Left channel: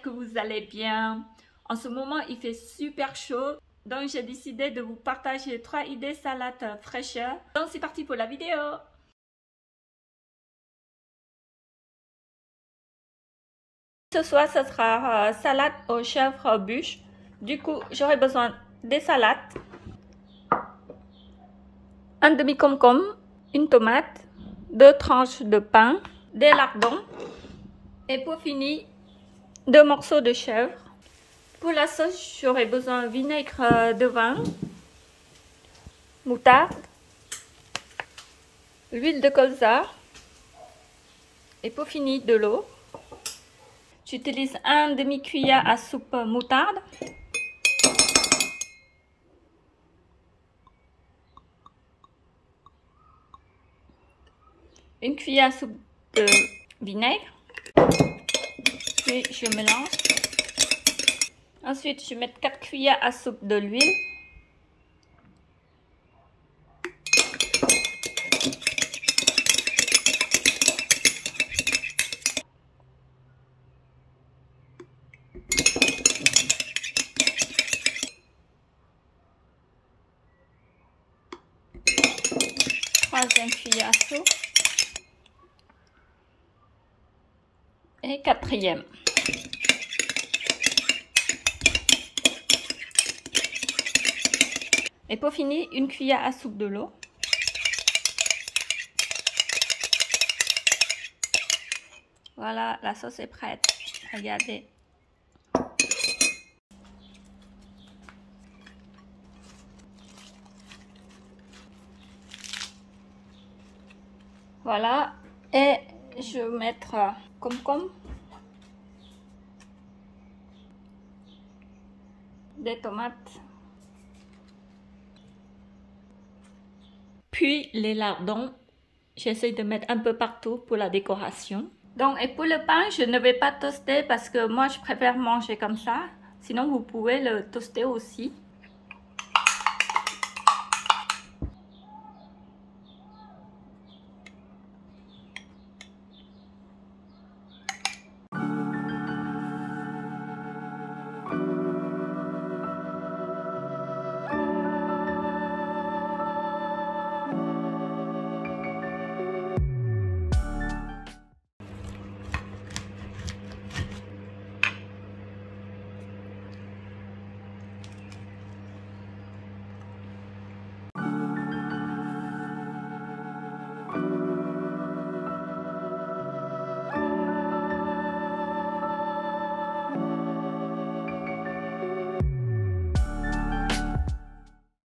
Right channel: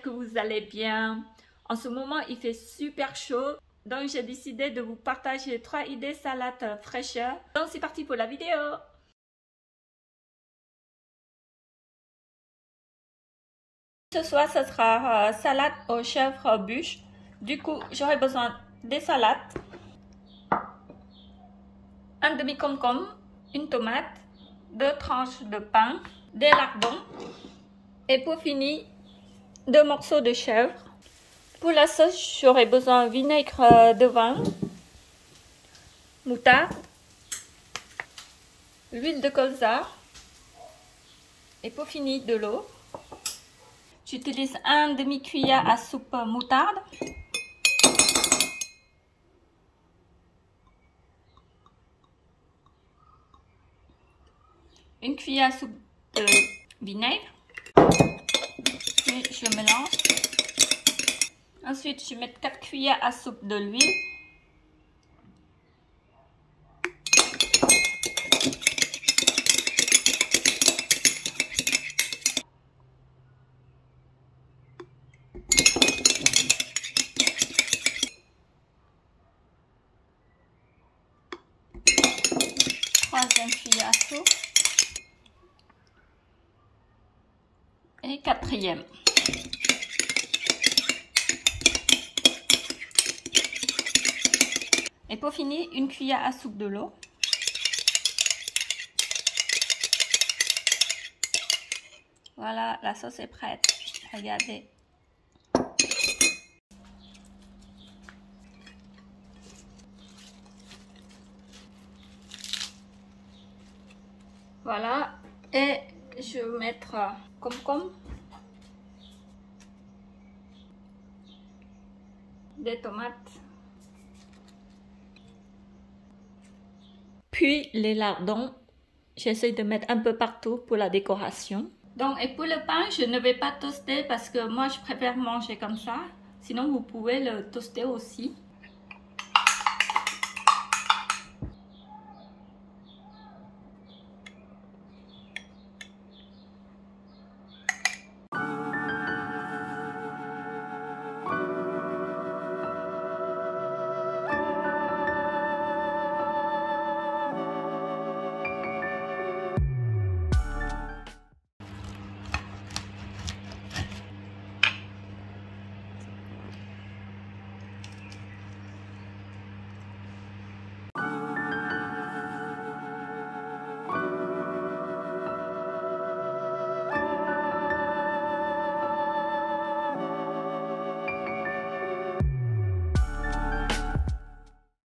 j'espère que vous allez bien. En ce moment, il fait super chaud, donc j'ai décidé de vous partager 3 idées salades fraîcheurs. Donc c'est parti pour la vidéo. Ce soir, ce sera salade aux chèvres bûches. Du coup, j'aurai besoin des salades, un demi-concombre, une tomate, 2 tranches de pain, des lardons et pour finir, 2 morceaux de chèvre. Pour la sauce, j'aurai besoin de vinaigre de vin, moutarde, l'huile de colza et pour finir de l'eau. J'utilise un demi-cuillère à soupe moutarde, une cuillère à soupe de vinaigre, puis je mélange. Ensuite, je mets 4 cuillères à soupe de l'huile. Troisième cuillère à soupe. Et quatrième. Et pour finir, une cuillère à soupe de l'eau. Voilà, la sauce est prête. Regardez. Voilà. Et je vais mettre concombre, des tomates, puis les lardons. J'essaie de mettre un peu partout pour la décoration. Donc, et pour le pain, je ne vais pas toaster parce que moi, je préfère manger comme ça. Sinon, vous pouvez le toaster aussi.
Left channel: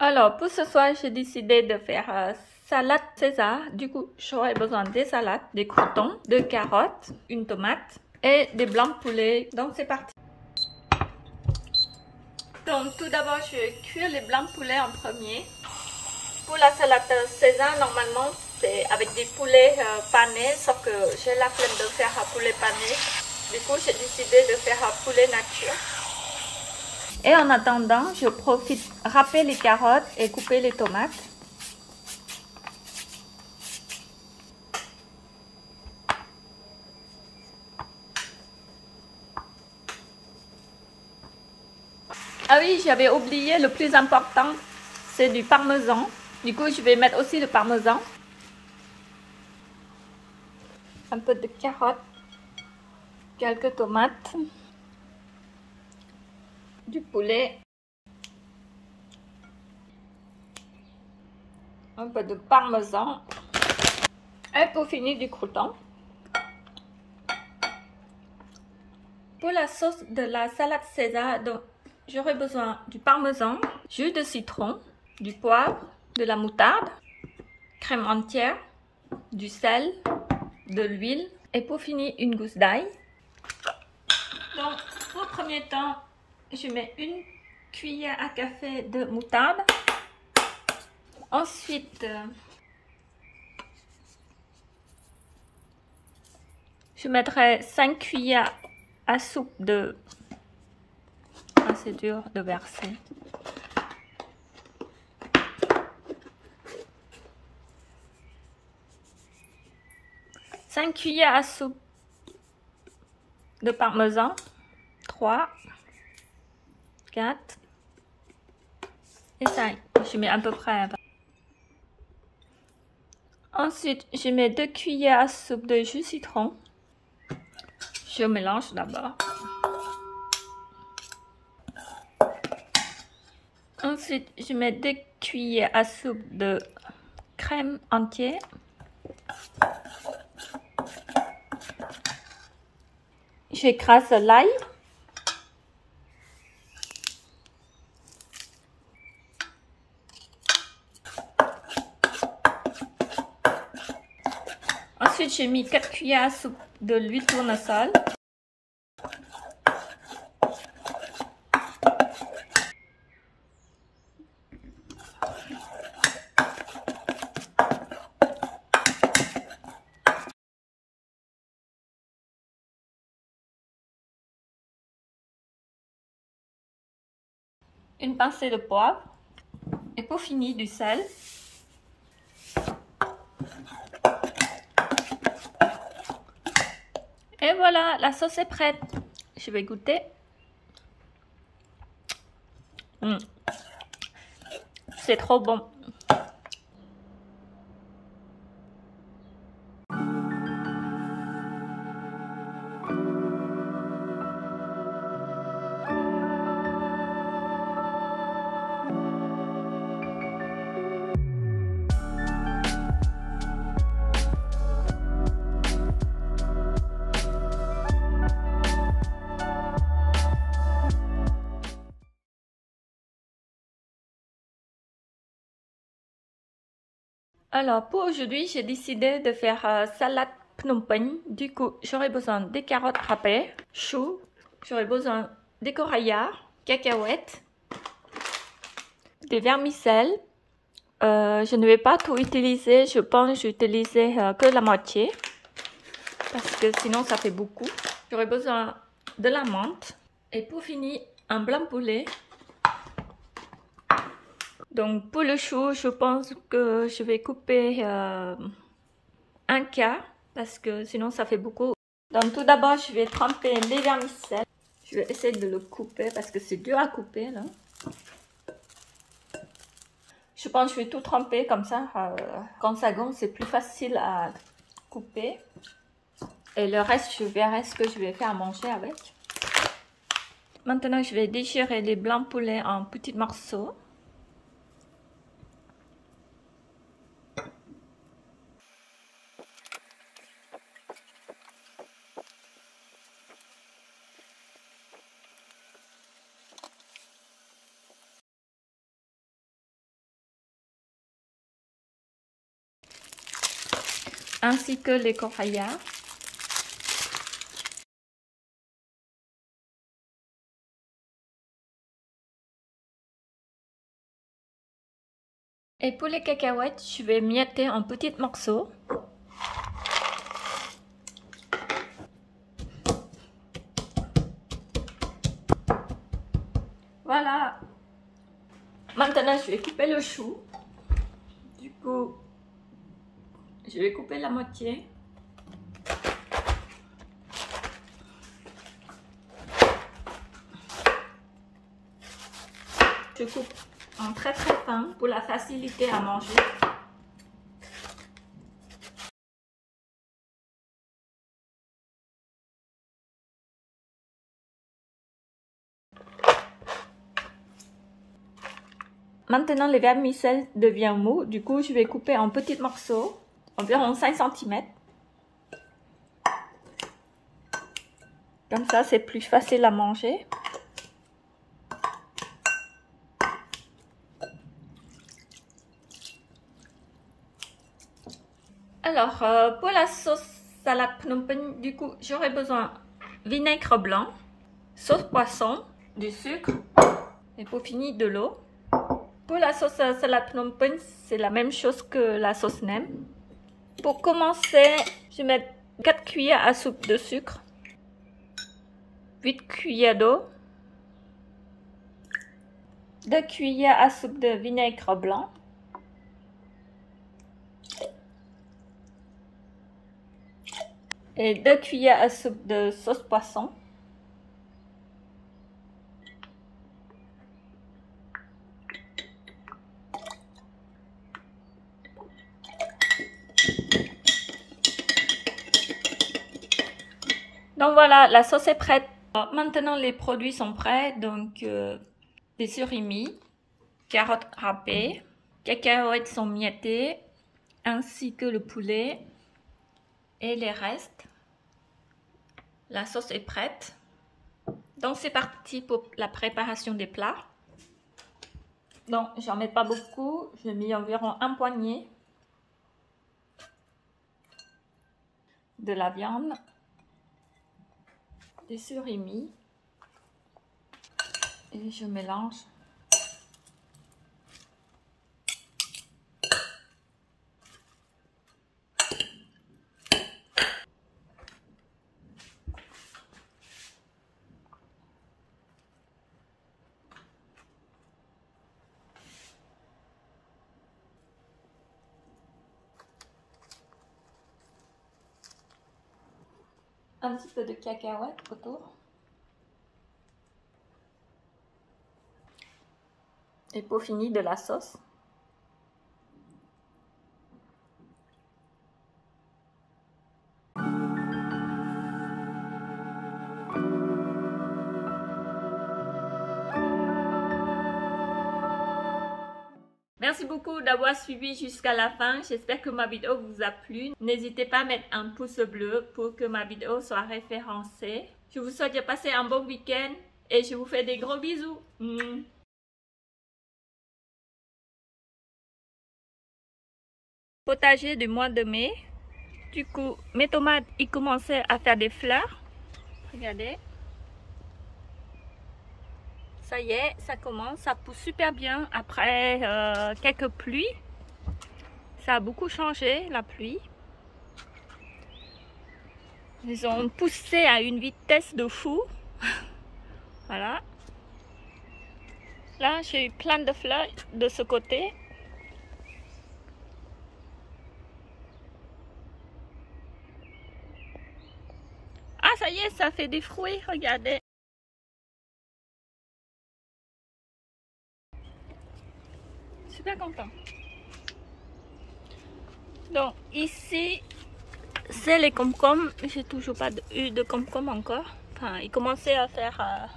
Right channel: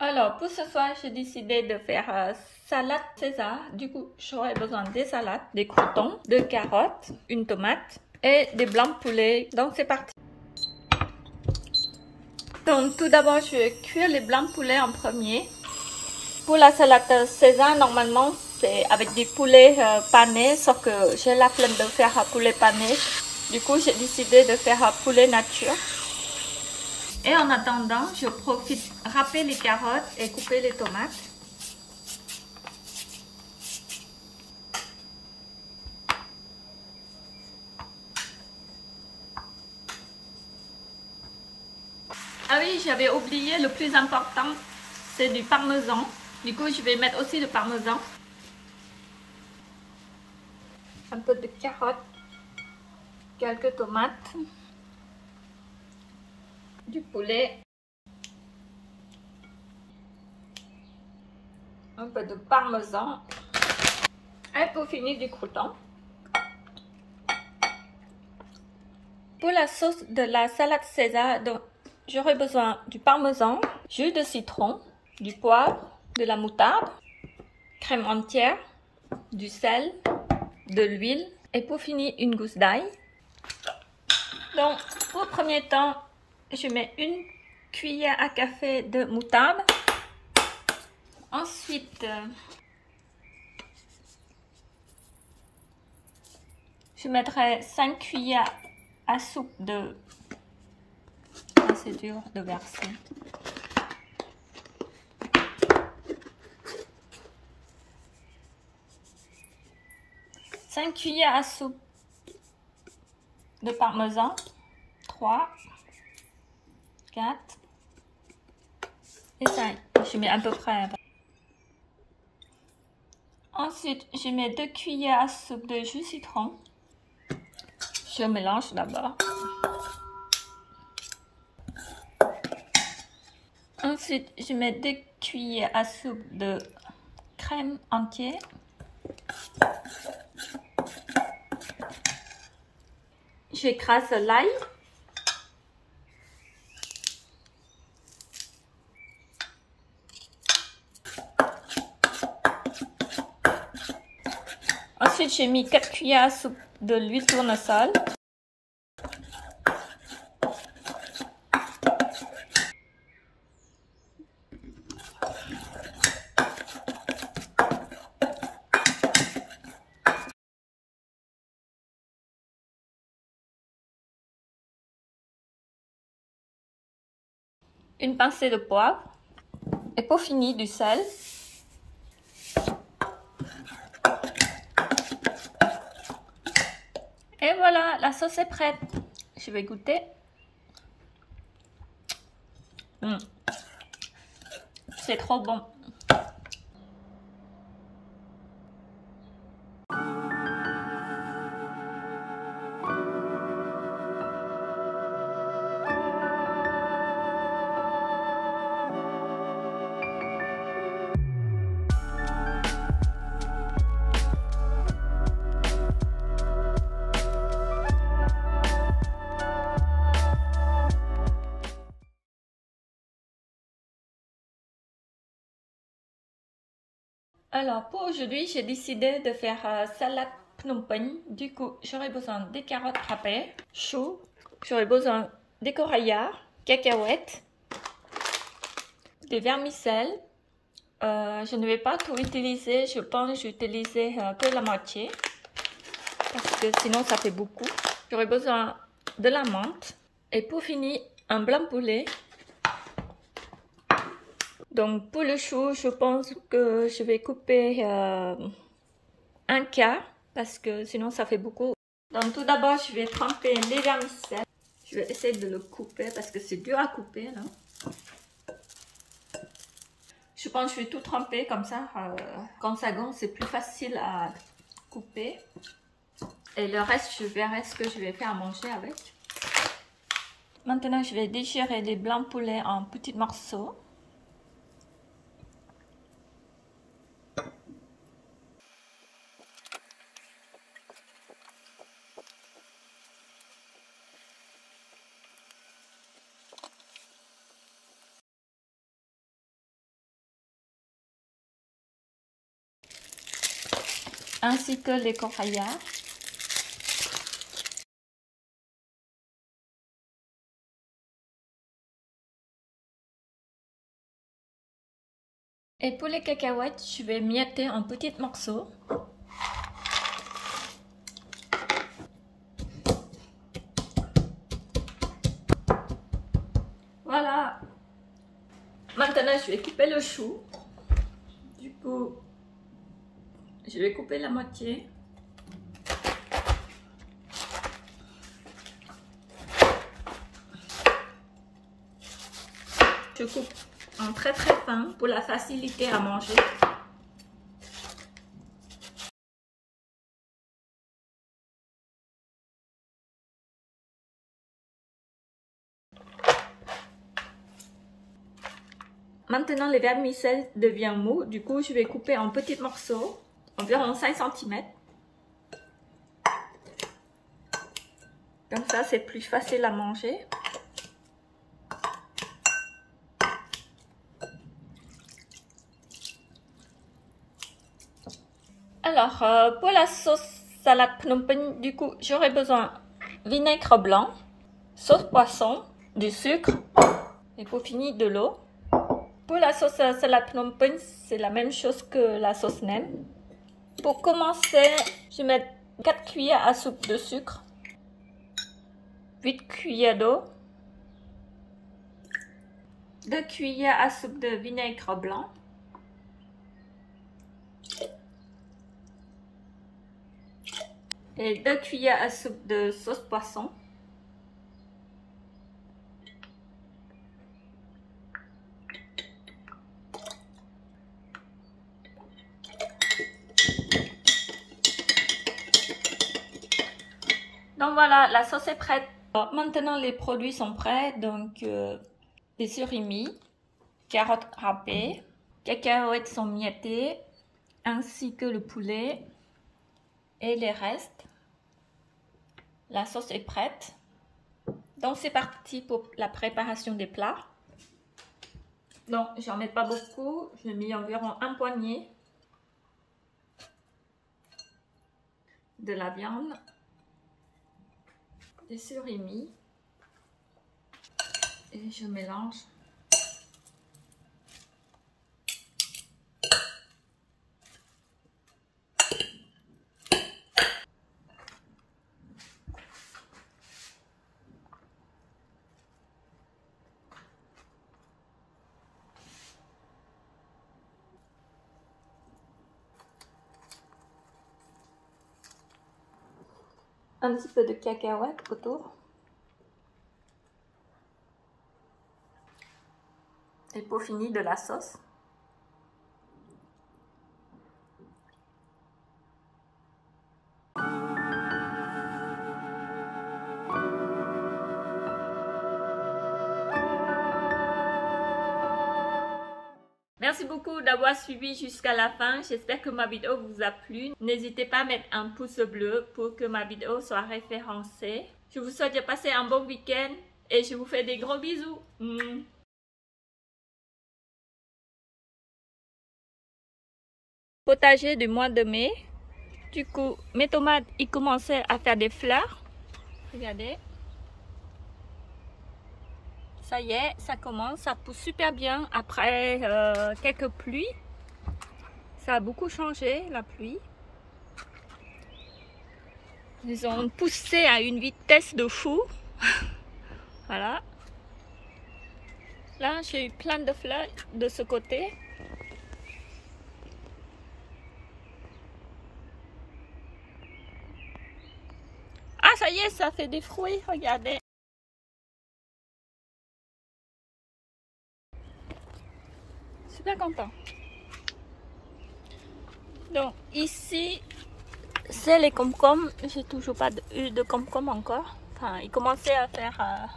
Alors, pour ce soir, j'ai décidé de faire salade César. Du coup, j'aurai besoin des salades, des croûtons, de carottes, une tomate et des blancs de poulet. Donc, c'est parti. Donc, tout d'abord, je vais cuire les blancs de poulet en premier. Pour la salade César, normalement, c'est avec des poulets panés, sauf que j'ai la flemme de faire poulet pané. Du coup, j'ai décidé de faire poulet nature. Et en attendant, je profite râper les carottes et couper les tomates. Ah oui, j'avais oublié le plus important, c'est du parmesan. Du coup, je vais mettre aussi le parmesan. Un peu de carottes, quelques tomates, du poulet. Un peu de parmesan et pour finir du crouton. Pour la sauce de la salade César, j'aurai besoin du parmesan, jus de citron, du poivre, de la moutarde, crème entière, du sel, de l'huile et pour finir une gousse d'ail. Donc pour premier temps, je mets une cuillère à café de moutarde. Ensuite, je mettrai 5 cuillères à soupe de... Ah, c'est dur de verser. Cinq cuillères à soupe de parmesan. 3, 4 et 5. Je mets à peu près. Ensuite, je mets 2 cuillères à soupe de jus citron. Je mélange d'abord. Ensuite, je mets 2 cuillères à soupe de crème entière. J'écrase l'ail. Ensuite, j'ai mis 4 cuillères à soupe de l'huile tournesol. Une pincée de poivre. Et pour finir, du sel. Et voilà, la sauce est prête. Je vais goûter. C'est trop bon. Alors pour aujourd'hui, j'ai décidé de faire salade Phnom Penh. Du coup, j'aurai besoin des carottes râpées, choux, j'aurai besoin des coraillards, cacahuètes, des vermicelles. Je ne vais pas tout utiliser, je pense j'utiliser que la moitié parce que sinon ça fait beaucoup. J'aurai besoin de la menthe et pour finir, un blanc poulet. Donc pour le chou, je pense que je vais couper un quart parce que sinon ça fait beaucoup. Donc tout d'abord, je vais tremper les vermicelles. Je vais essayer de le couper parce que c'est dur à couper là. Je pense que je vais tout tremper comme ça. Quand ça gonfle, c'est plus facile à couper. Et le reste, je verrai ce que je vais faire à manger avec. Maintenant, je vais déchirer les blancs poulets en petits morceaux. Ainsi que les coraillards. Et pour les cacahuètes, je vais mietter en petits morceaux. Voilà. Maintenant, je vais couper le chou. Du coup, je vais couper la moitié. Je coupe en très fin pour la facilité à manger. Maintenant, les vermicelles deviennent mous. Du coup, je vais couper en petits morceaux, environ 5 cm. Comme ça, c'est plus facile à manger. Alors, pour la sauce salade Phnom Penh, du coup, j'aurai besoin de vinaigre blanc, sauce poisson, du sucre et pour finir, de l'eau. Pour la sauce salade Phnom Penh, c'est la même chose que la sauce nem. Pour commencer, je vais mettre 4 cuillères à soupe de sucre, 8 cuillères d'eau, 2 cuillères à soupe de vinaigre blanc, et 2 cuillères à soupe de sauce poisson. Donc voilà, la sauce est prête. Alors, maintenant les produits sont prêts. Donc des surimi, carottes râpées, cacahuètes sont miettées, ainsi que le poulet et les restes. La sauce est prête. Donc c'est parti pour la préparation des plats. Donc j'en mets pas beaucoup, j'ai mis environ un poignet de la viande, des surimi et je mélange. Un petit peu de cacahuètes autour. Et pour finir, de la sauce. Merci beaucoup d'avoir suivi jusqu'à la fin. J'espère que ma vidéo vous a plu. N'hésitez pas à mettre un pouce bleu pour que ma vidéo soit référencée. Je vous souhaite de passer un bon week-end et je vous fais des gros bisous. Potager du mois de mai. Du coup, mes tomates, ils commençaient à faire des fleurs. Regardez. Ça y est, ça commence, ça pousse super bien après quelques pluies. Ça a beaucoup changé, la pluie. Ils ont poussé à une vitesse de fou. Voilà. Là, j'ai eu plein de fleurs de ce côté. Ah, ça y est, ça fait des fruits, regardez. Super content. Donc ici, c'est les comcoms. J'ai toujours pas eu de comcoms encore. Enfin, ils commençaient à faire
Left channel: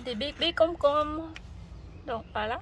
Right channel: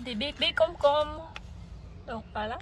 des bébés comcoms. Donc voilà.